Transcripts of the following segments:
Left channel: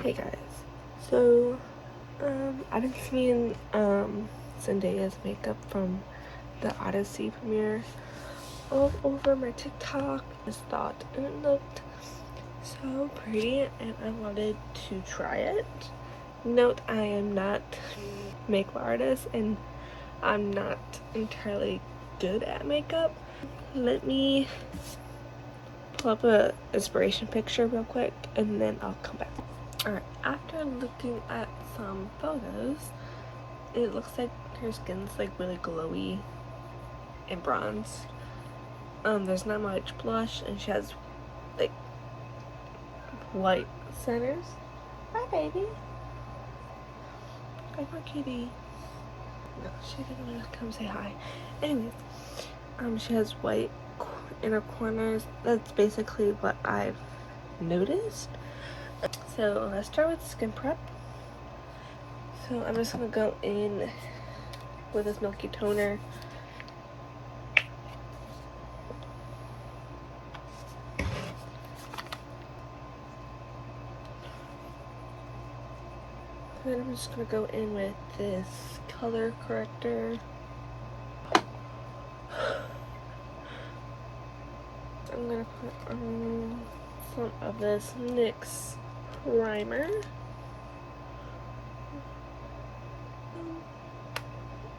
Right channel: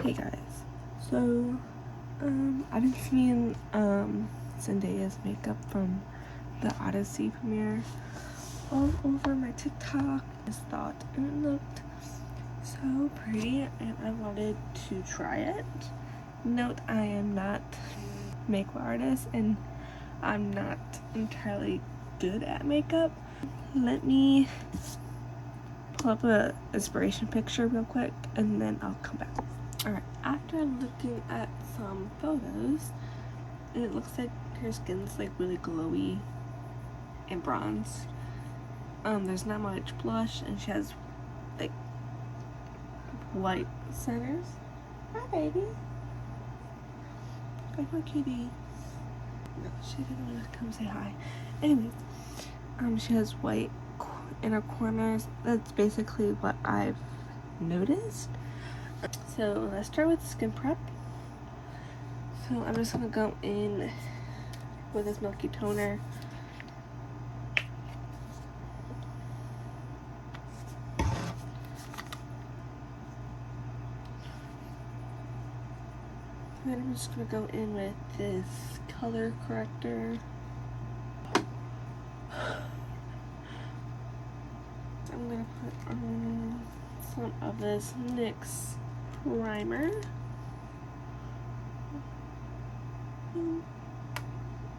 Hey guys, so I've been seeing Zendaya's makeup from the Odyssey premiere all over my TikTok. Just thought it looked so pretty and I wanted to try it. Note, I am not a makeup artist and I'm not entirely good at makeup. Let me pull up a inspiration picture real quick and then I'll come back. Alright, after looking at some photos, it looks like her skin's like really glowy and bronzed. There's not much blush and she has like white centers. Hi baby. Like my kitty. No, she didn't want to come say hi. Anyways, she has white inner corners. That's basically what I've noticed. So let's start with skin prep. So I'm just gonna go in with this milky toner. And then I'm just gonna go in with this color corrector. I'm gonna put on some of this NYX primer.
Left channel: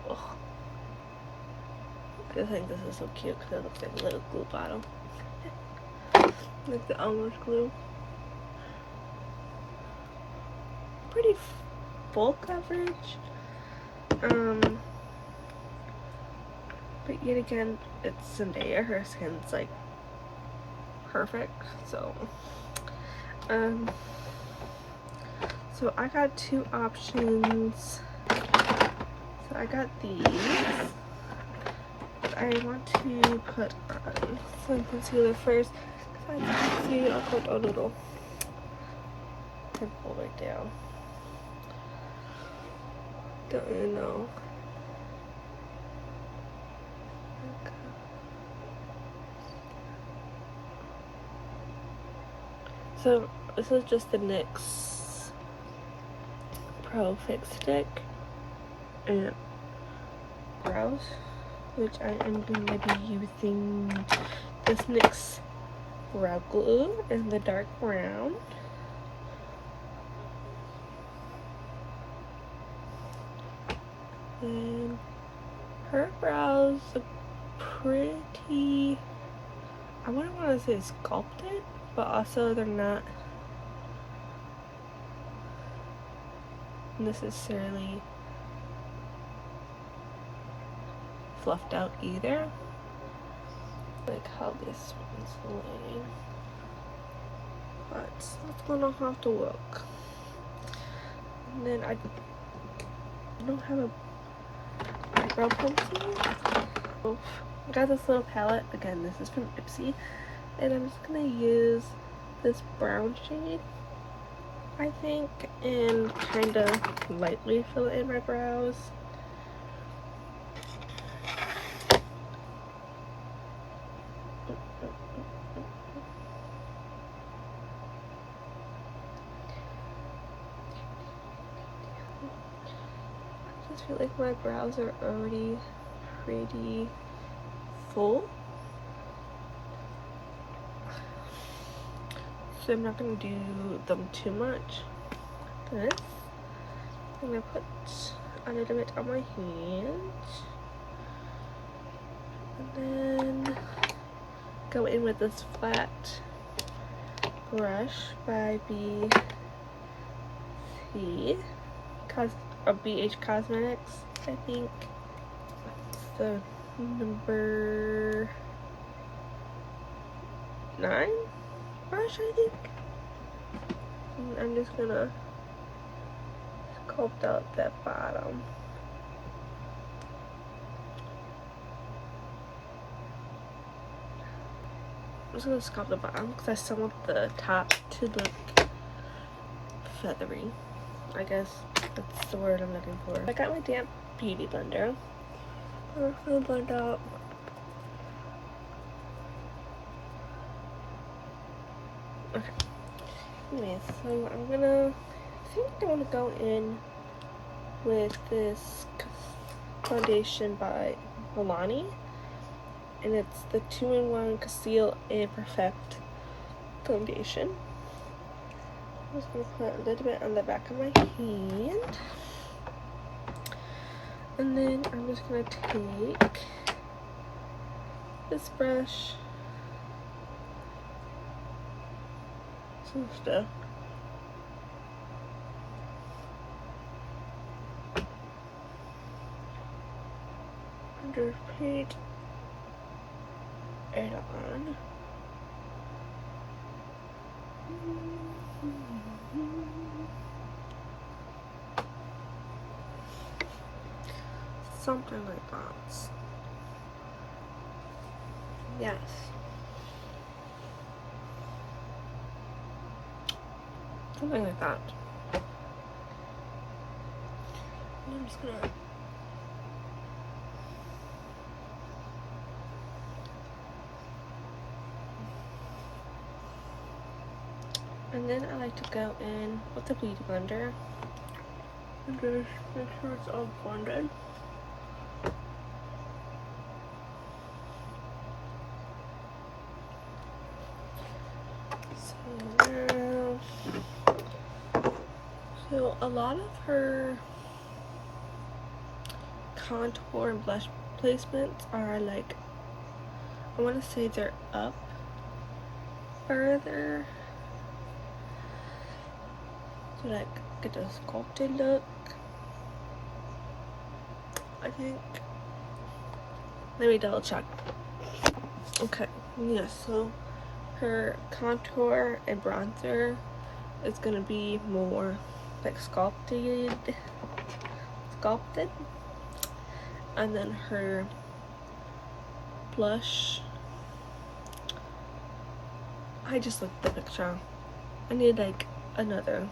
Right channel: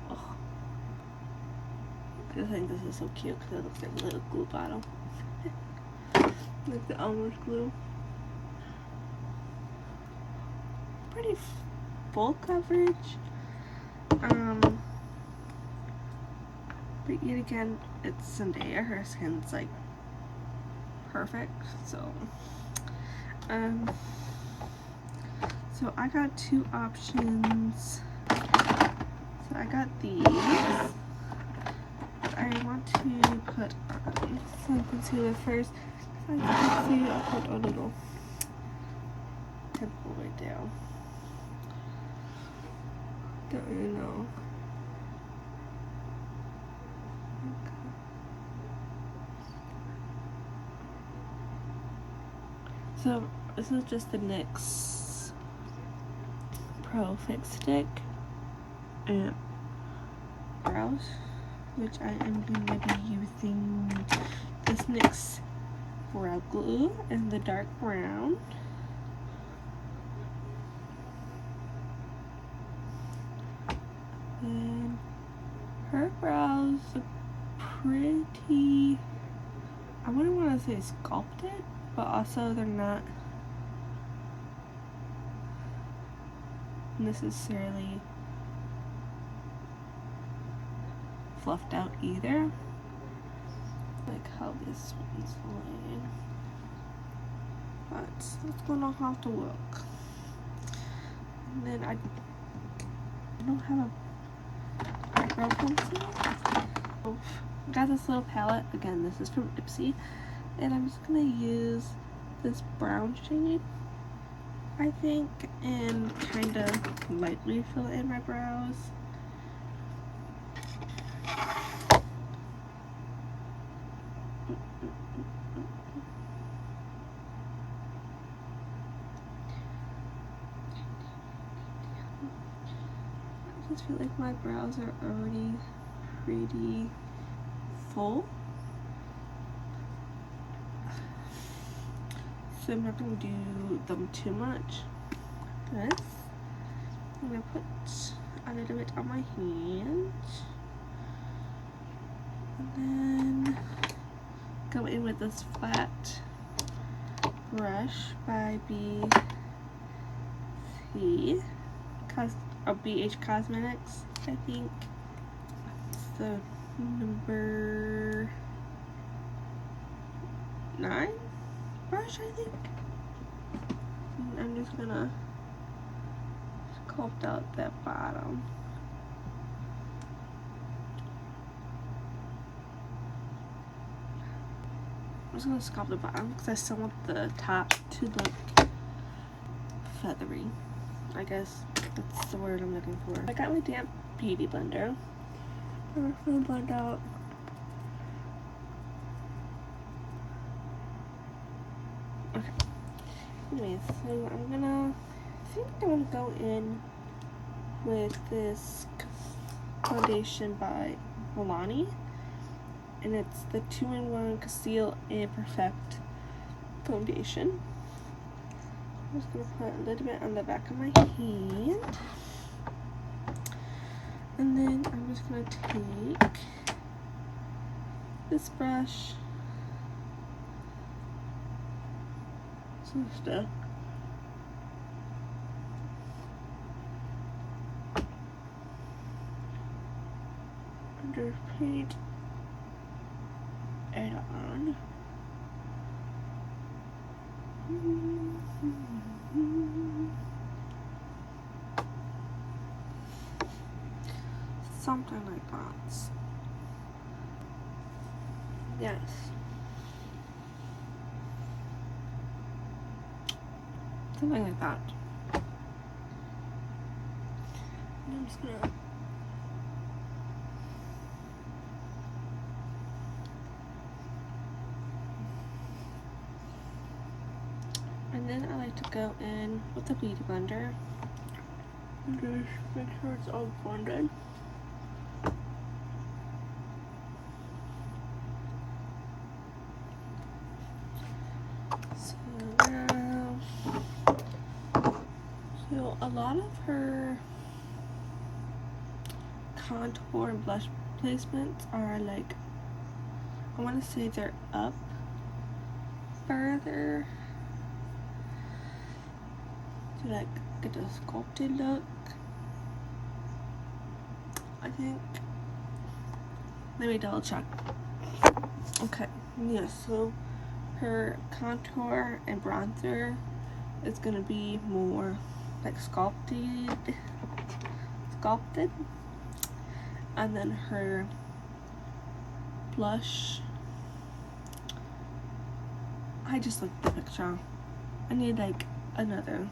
Oh, I think this is so cute because it looks like a little glue bottle. Like the almost glue. Pretty full coverage. But yet again, it's Zendaya. Her skin's like perfect. So so I got two options. So I got these. I want to put on some concealer first. As you can see, I put a little pimple right there. Don't even know. Okay. So this is just the NYX Pro Fix Stick and brows, which I am going to be using this NYX brow glue in the dark brown. And her brows look pretty, I wouldn't want to say sculpted, but also they're not necessarily fluffed out either, like how this one's laying. But it's gonna have to look. And then I don't have a eyebrow pencil. I got this little palette. Again, this is from Odyssey, and I'm just gonna use this brown shade, I think, and kind of lightly fill in my brows. I just feel like my brows are already pretty full, so I'm not going to do them too much. This, I'm going to put a little bit on my hand, and then go in with this flat brush by BH Cosmetics, I think. It's the number 9 brush, I think. And I'm just gonna sculpt out that bottom. I'm just gonna sculpt the bottom because I still want the top to look feathery. I guess that's the word I'm looking for. I got my damp beauty blender. I'm gonna blend out okay. Anyways, so I think I'm gonna go in with this foundation by Milani, and it's the 2-in-1 Conceal and Perfect foundation. I'm just gonna put a little bit on the back of my hand, and then I'm just gonna take this brush, just paint it on. Something like that. Yes. Something like that. And I'm just gonna and then I like to go in with the beauty blender and just make sure it's all blended. So a lot of her contour and blush placements are like, I want to say they're up further to like get a sculpted look. I think. Let me double check. Okay, yeah, so her contour and bronzer is gonna be more like sculpted, and then her blush, I just looked at the picture. I need like another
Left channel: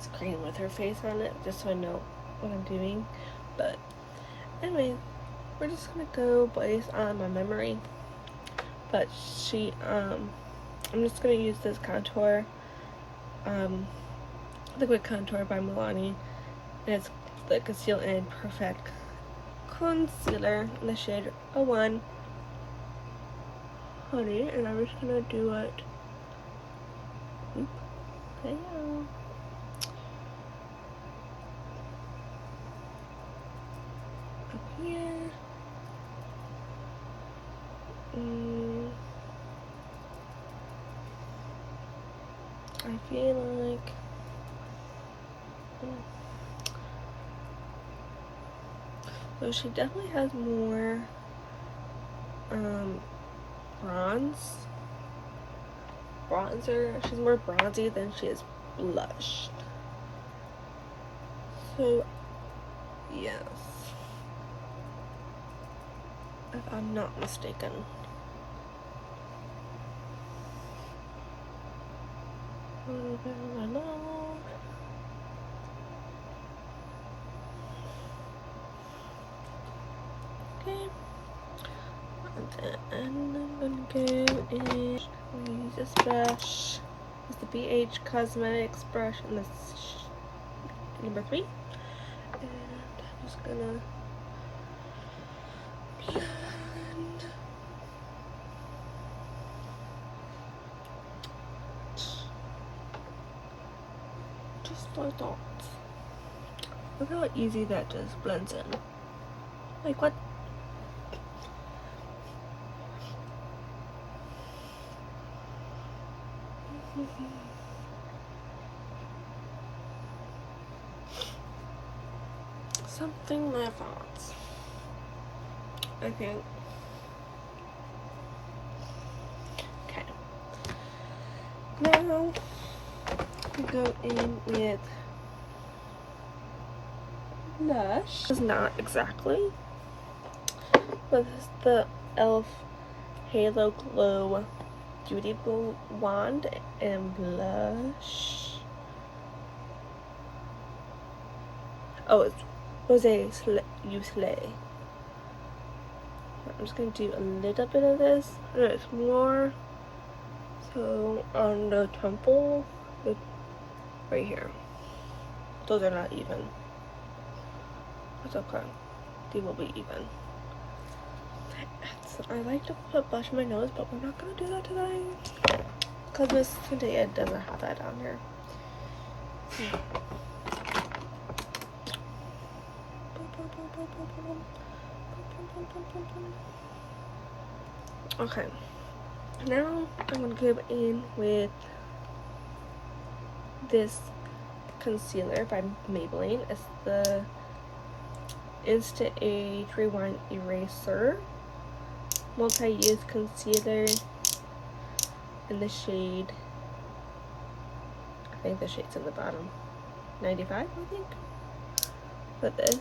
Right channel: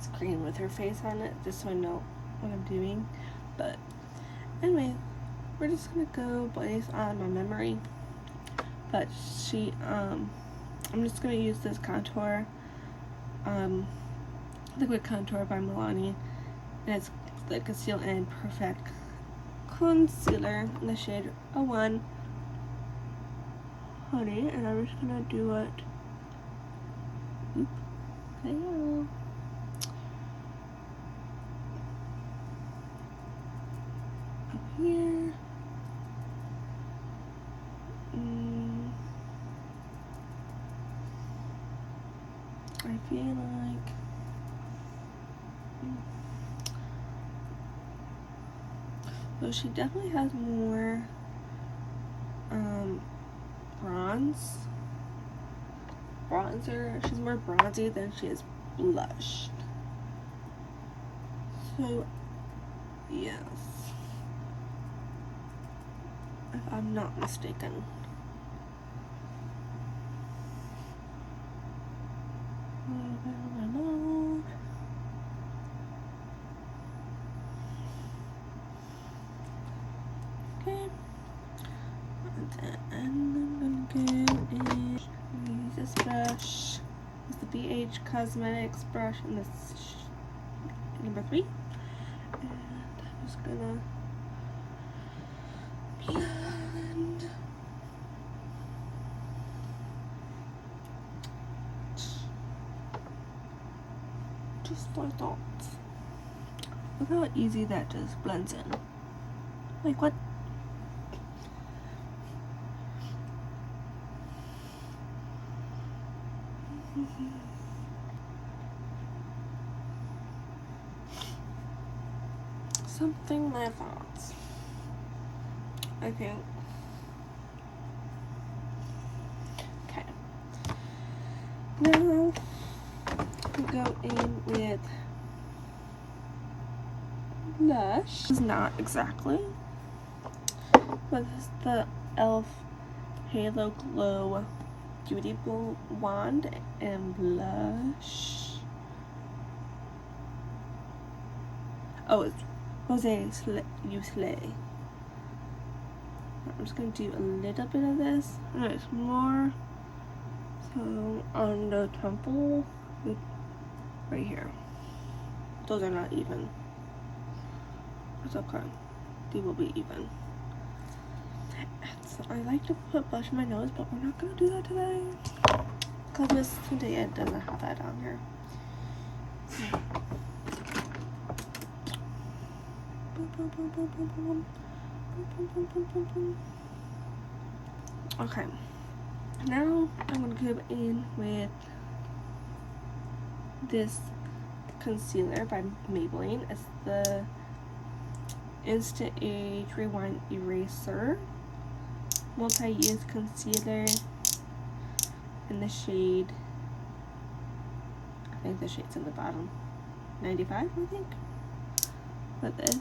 screen with her face on it just so I know what I'm doing. But anyway, we're just gonna go based on my memory. But I'm just gonna use this contour, liquid contour by Milani, and it's the Conceal and Perfect concealer in the shade 01 Honey, and I'm just gonna do it. Oop. Hello. Up here. I feel like so she definitely has more bronzer. She's more bronzy than she is blushed. So yes, if I'm not mistaken. A little bit on my nose. Okay. And then I'm gonna go and use this brush. It's the BH Cosmetics brush, and this number 3. And I'm just gonna blend. Just like that. Look how easy that just blends in. Like what? Something like that, I think. Okay. Now we go in with blush. It's not exactly, but this is the e.l.f. Halo Glow Beauty Wand and blush. Oh, it's Rosé You Slay. I'm just gonna do a little bit of this. It's more so on the temple Like right here. Those are not even. It's okay. They will be even. So I like to put blush on my nose, but we're not gonna do that today because Miss Zendaya doesn't have that on her. Okay, now I'm gonna go in with this concealer by Maybelline. It's the Instant Age Rewind Eraser multi-use concealer in the shade, I think the shade's in the bottom, 95 I think, with this.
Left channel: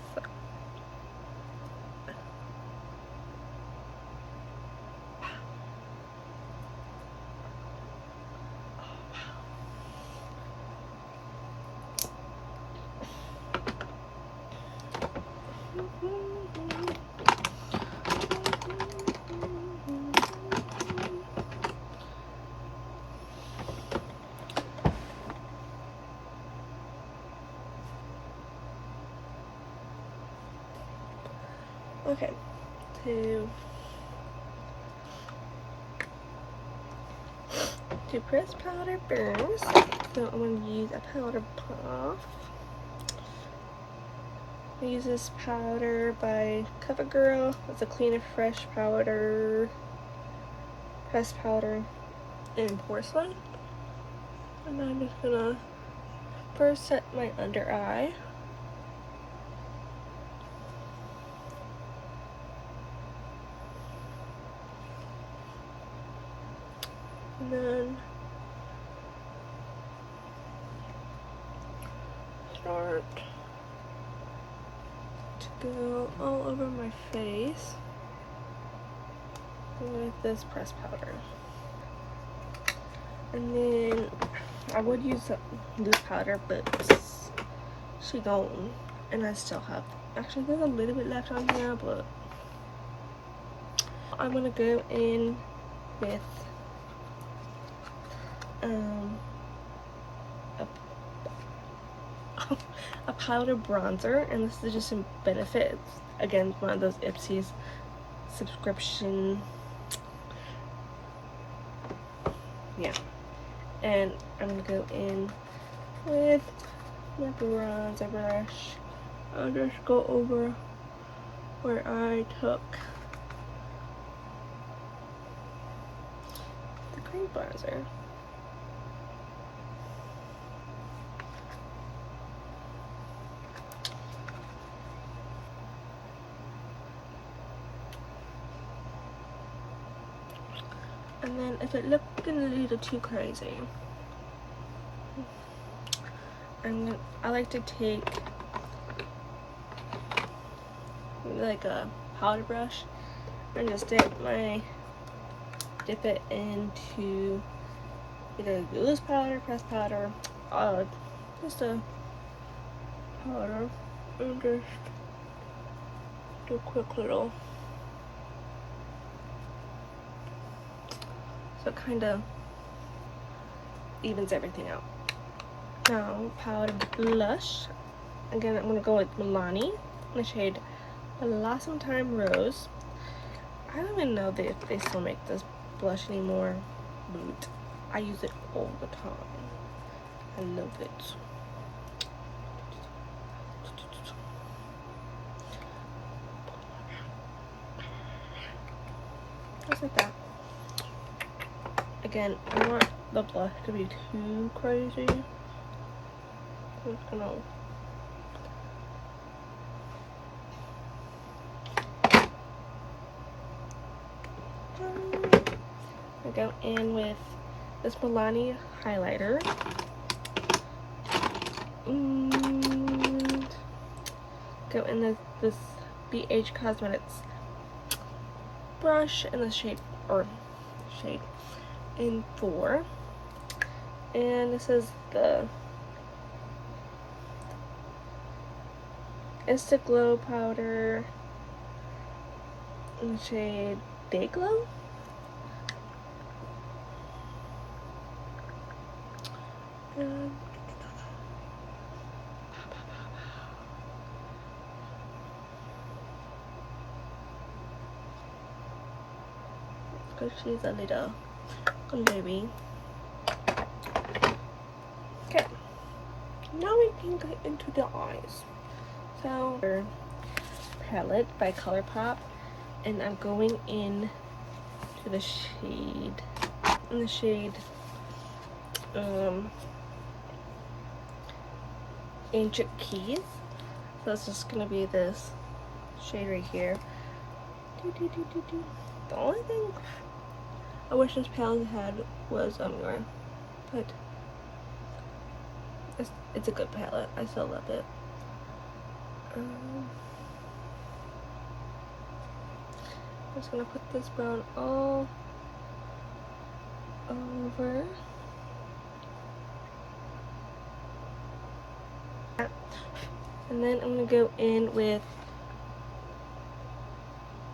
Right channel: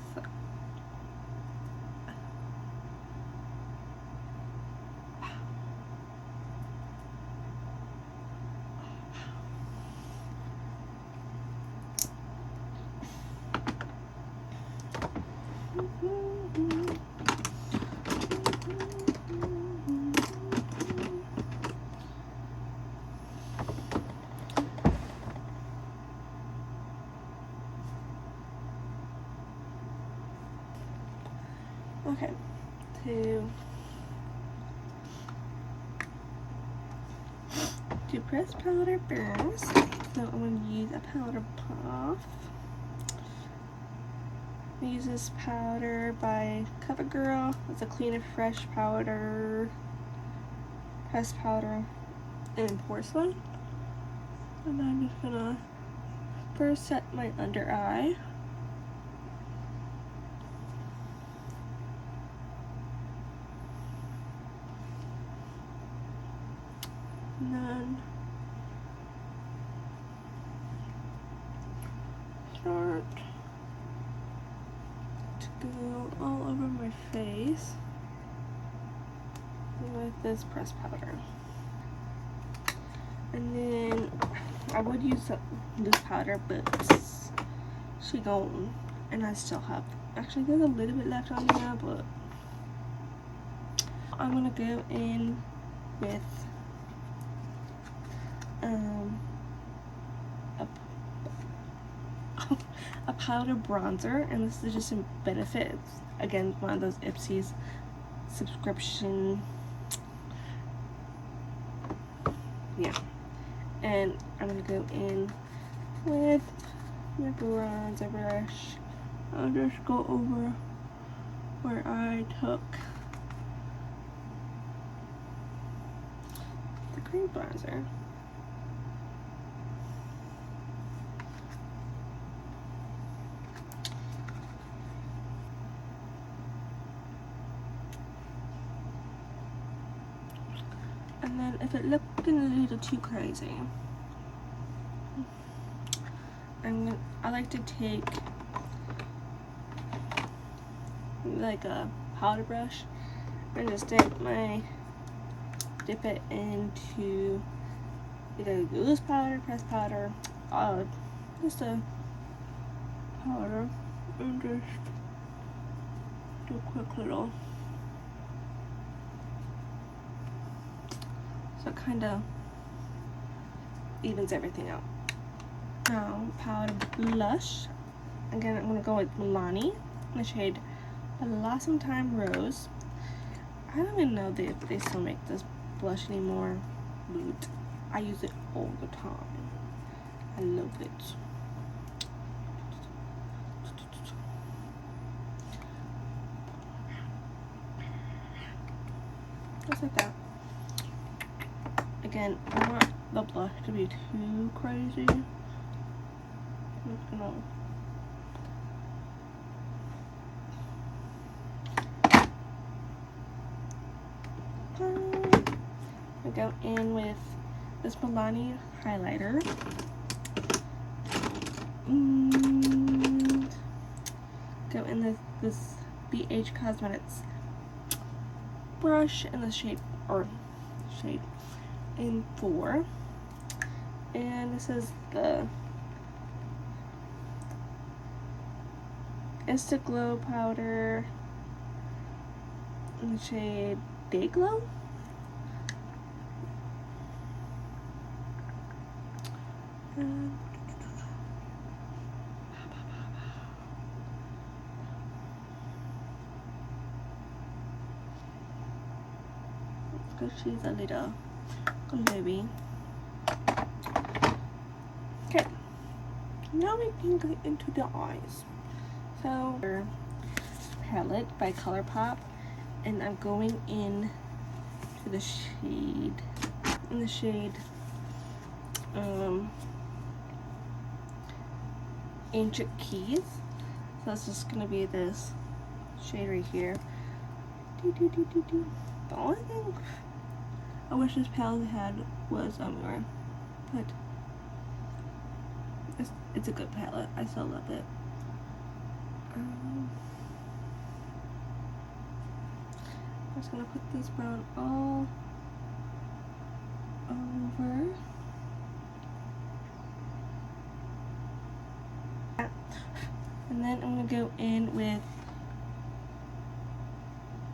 Okay, to press powder burns, so I'm going to use a powder puff. I use this powder by CoverGirl. It's a clean and fresh powder, pressed powder in porcelain. And I'm just gonna first set my under eye. And then start to go all over my face with this pressed powder. And then I would use this powder, but she gone, and I still have, actually there's a little bit left on here, but I'm gonna go in with a powder bronzer, and this is just in Benefit. Again, one of those Ipsy's subscription, yeah. And I'm gonna go in with my bronzer brush. I'll just go over where I took the cream bronzer. And then if it looking a little too crazy, I like to take like a powder brush and just dip it into either loose powder, pressed powder, just a powder, and just do a quick little, so it kind of evens everything out. Now powder blush, again I'm gonna go with Milani in the shade Blossom Time Rose. I don't even know if they still make this blush anymore, but I use it all the time. I love it. Just like that. Again, I don't want the blush to be too crazy. I'm just gonna go in with this Milani highlighter and go in this BH Cosmetics brush in the shade in 4, and this is the Insta Glow powder in the shade Day Glow. And because she's a little baby. Okay, now we can get into the eyes. So, palette by ColourPop, and I'm going in to the shade, Ancient Keys. So it's just gonna be this shade right here. The only thing I wish this palette had was mirror, but it's a good palette. I still love it. I'm just gonna put this brown all over. And then I'm gonna go in with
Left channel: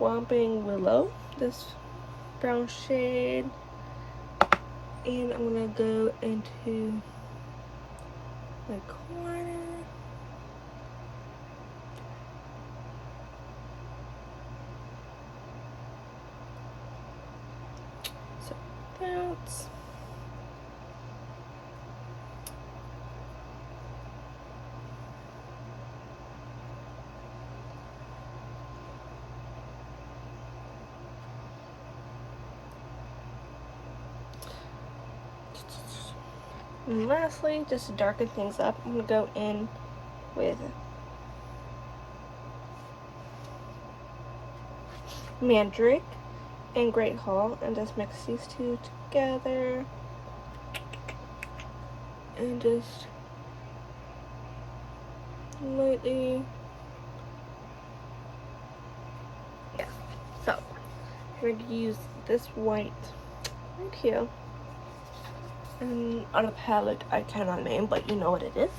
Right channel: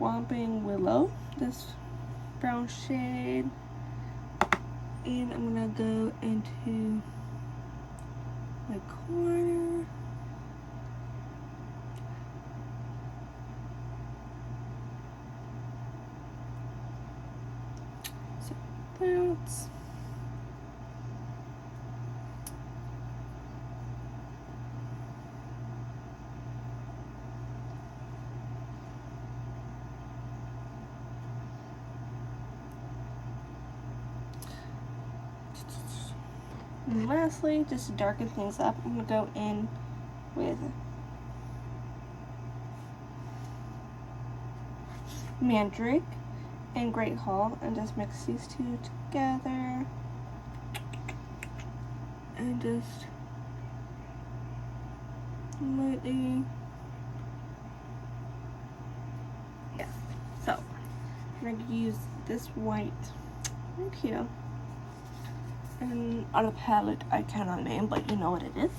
Whomping Willow, this brown shade, and I'm gonna go into my corner. So bounce. And lastly, just to darken things up, I'm gonna go in with Mandrake and Great Hall and just mix these two together and just lightly, yeah. So I'm gonna use this white right here, and on a palette I cannot name, but you know what it is.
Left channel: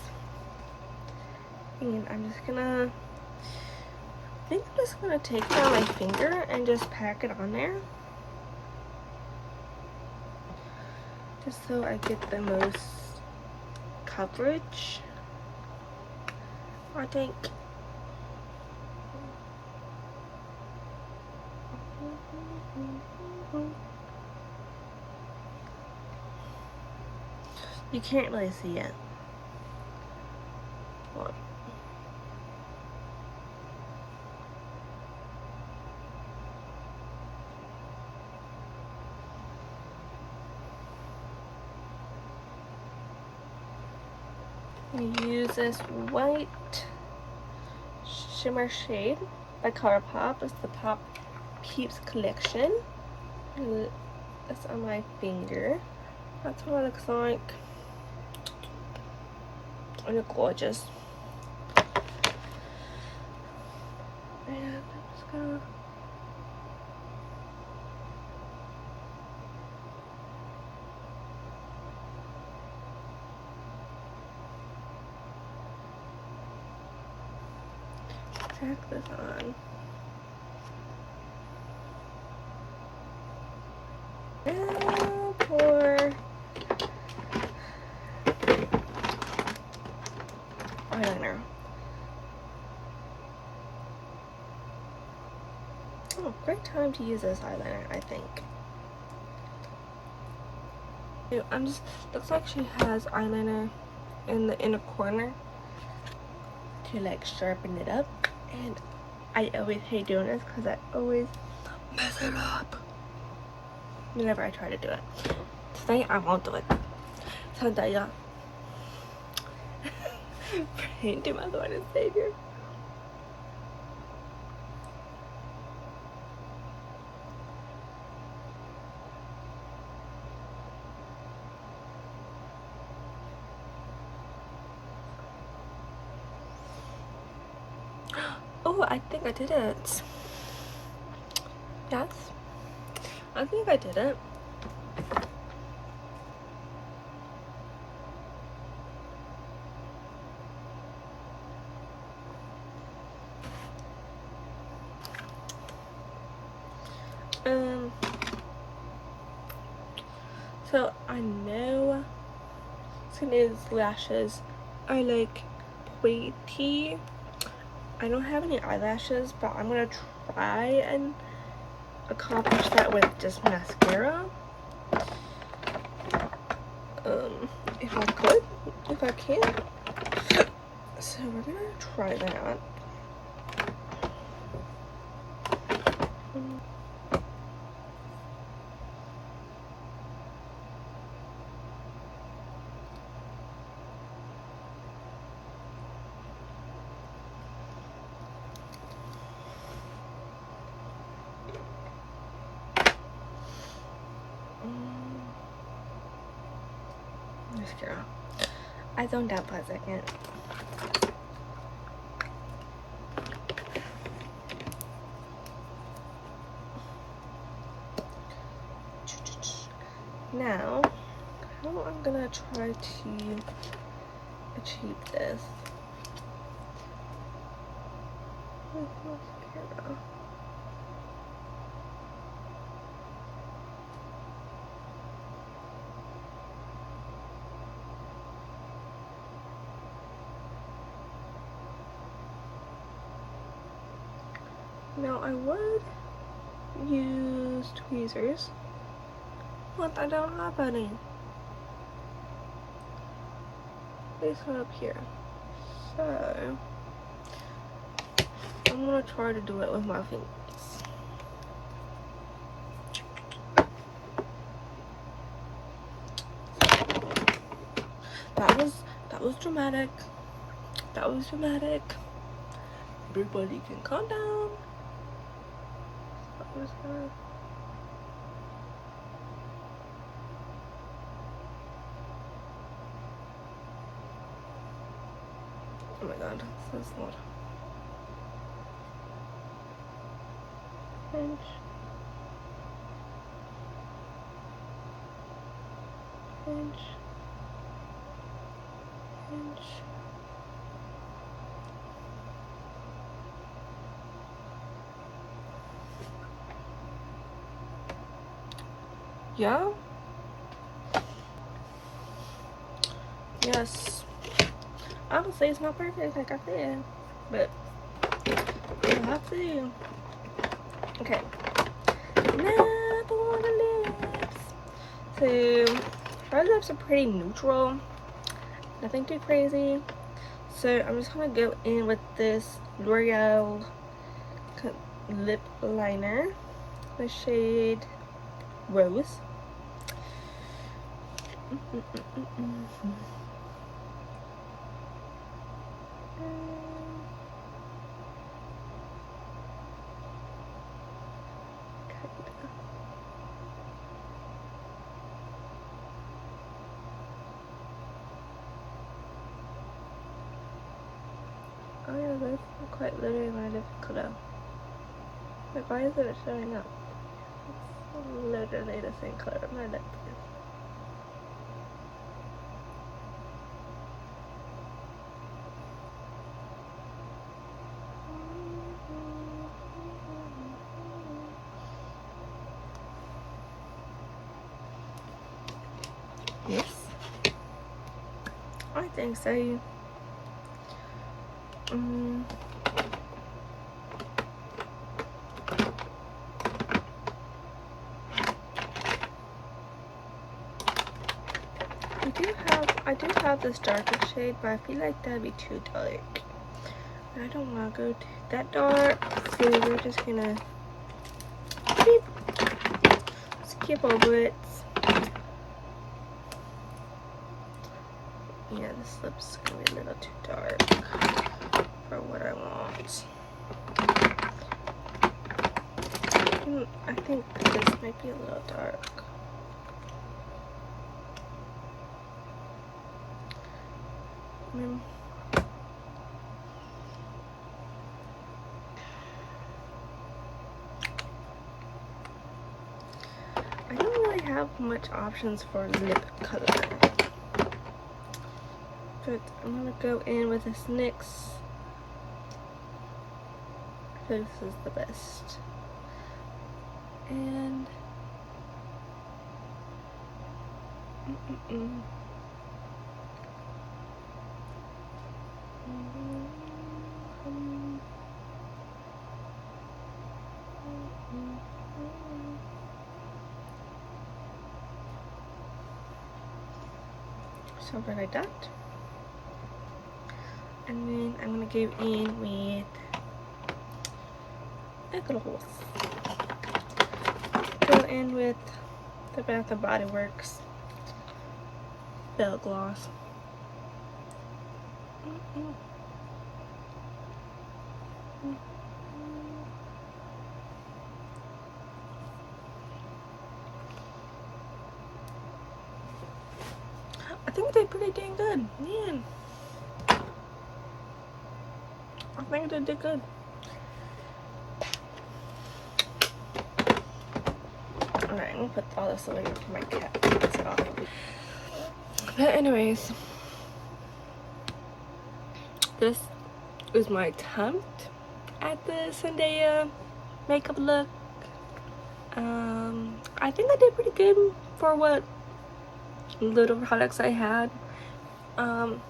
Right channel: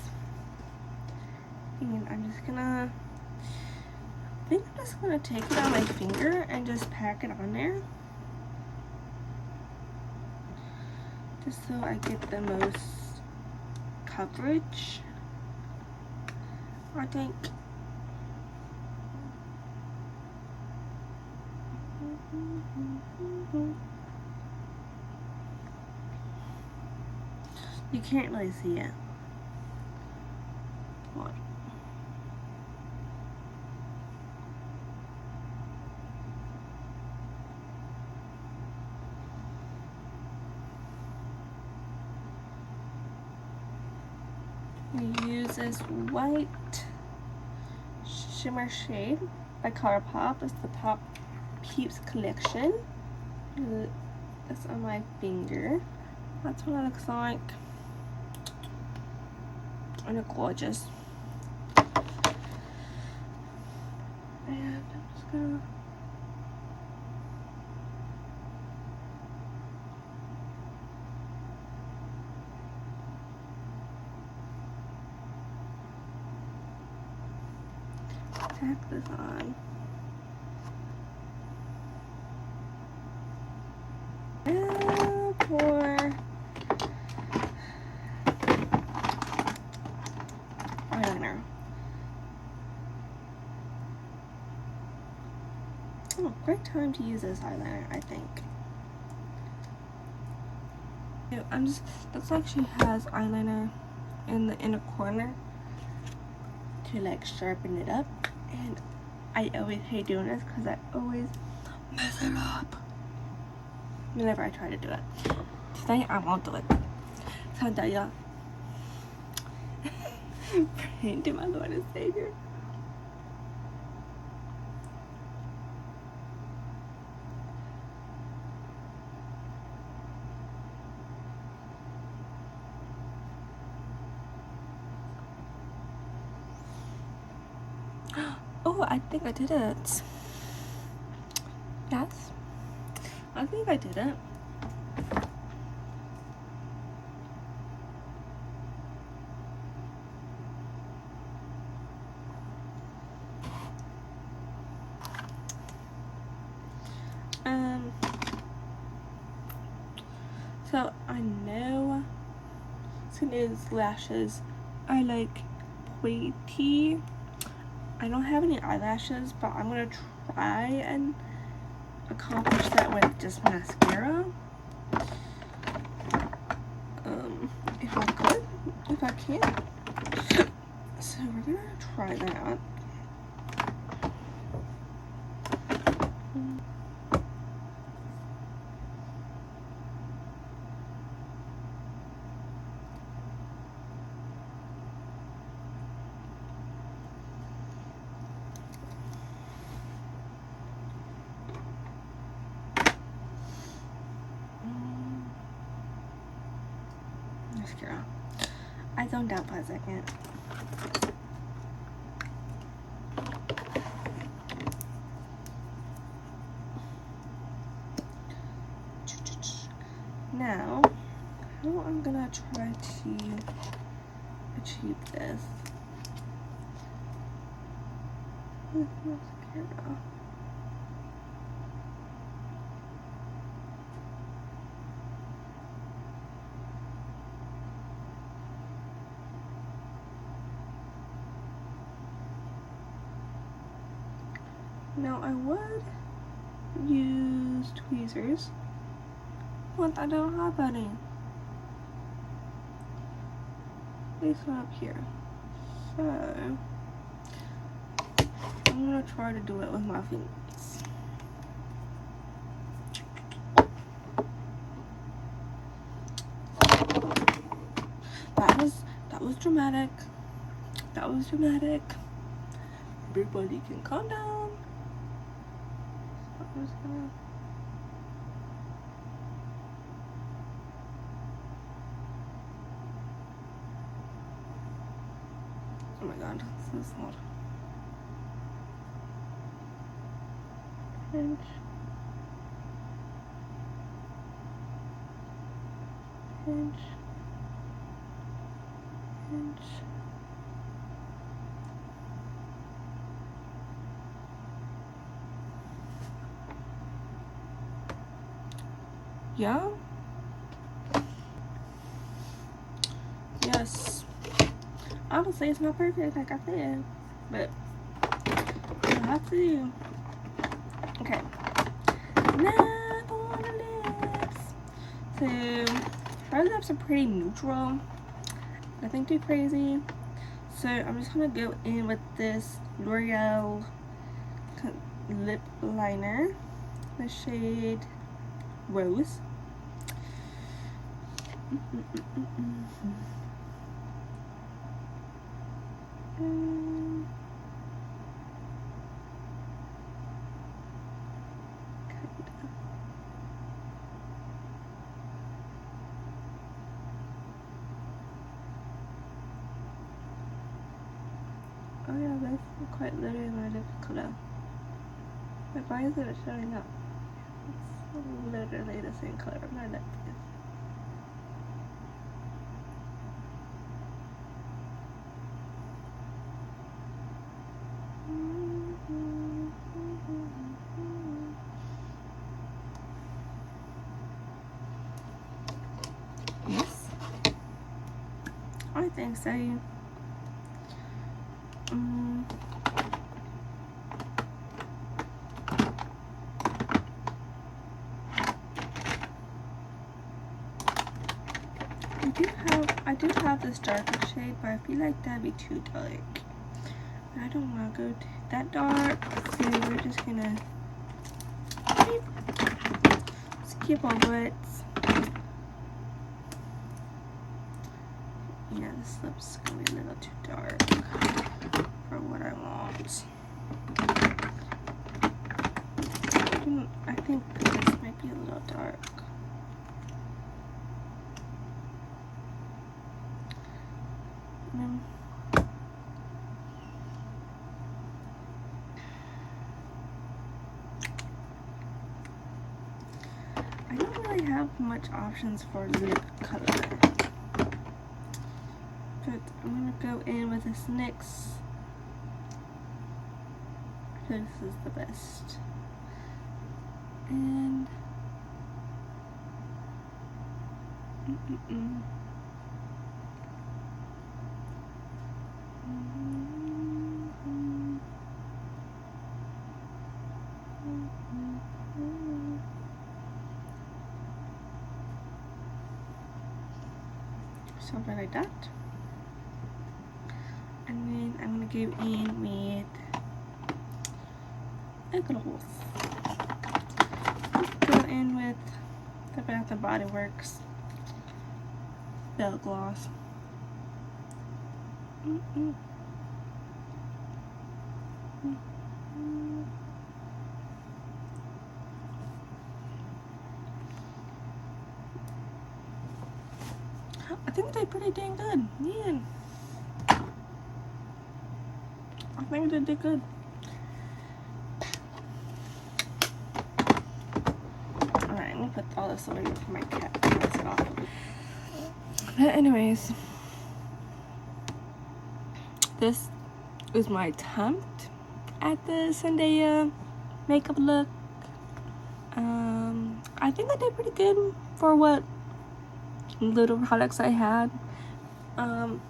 And I'm just gonna, I think I'm just gonna take it on my finger and just pack it on there, just so I get the most coverage, I think. You can't really see it. Look. We use this white shimmer shade by ColourPop. It's the Pop Peeps collection. It's on my finger. That's what it looks like. And it's gorgeous. And I'm just gonna tack this on. And for eyeliner. Oh, great time to use this eyeliner, I think. I'm just, looks like she has eyeliner in the inner corner to like sharpen it up, and I always hate doing this because I always mess it up whenever I try to do it. Today I won't do it. Zendaya. Pray to my Lord and Savior. Oh, I think I did it. Yes, I think I did it. So I know it's thing is, lashes are like pointy. I don't have any eyelashes, but I'm gonna try and accomplish that with just mascara. If I could, if I can. So we're gonna try that. Mascara. I zoned out for a second. Now, how I'm gonna try to achieve this with mascara. Now I would use tweezers, but I don't have any. These one up here. So I'm gonna try to do it with my fingers. That was dramatic. That was dramatic. Everybody can calm down. I'm just gonna. Oh my god, this is not. Pinch. Pinch. Pinch. Yeah? Yes. I would say it's not perfect, like I said, but you'll have to do. Okay. Now for the lips. So, her lips are pretty neutral. Nothing too crazy. So, I'm just gonna go in with this L'Oreal lip liner, the shade Rose. Oh yeah, that's quite literally my lip color. Like, why isn't it showing up? It's literally the same color my lip is. Yes, I think so. I do have this darker shade, but I feel like that'd be too dark. And I don't want to go that dark, so we're just gonna skip over it. Yeah, this lip's gonna be a little too dark for what I want. I think this might be a little dark. I don't really have much options for lip color, but I'm gonna go in with this NYX. I feel like this is the best. And something like that. And then I'm gonna go in with a gloss. Go in with the Bath and Body Works Bell Gloss. I think I did pretty dang good, man. I think I did good. Alright, let me put all this away for my cat to piss it off. But anyways, this is my attempt at the Zendaya makeup look. I think I did pretty good for what little products I had, and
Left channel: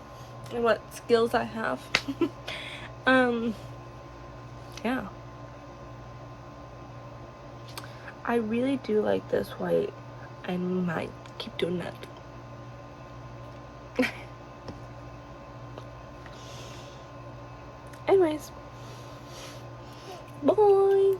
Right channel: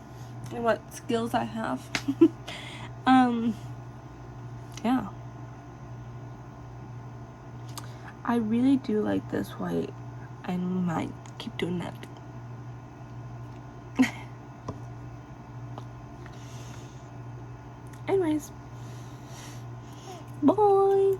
what skills I have. Yeah, I really do like this white. I might keep doing that. Anyways, bye.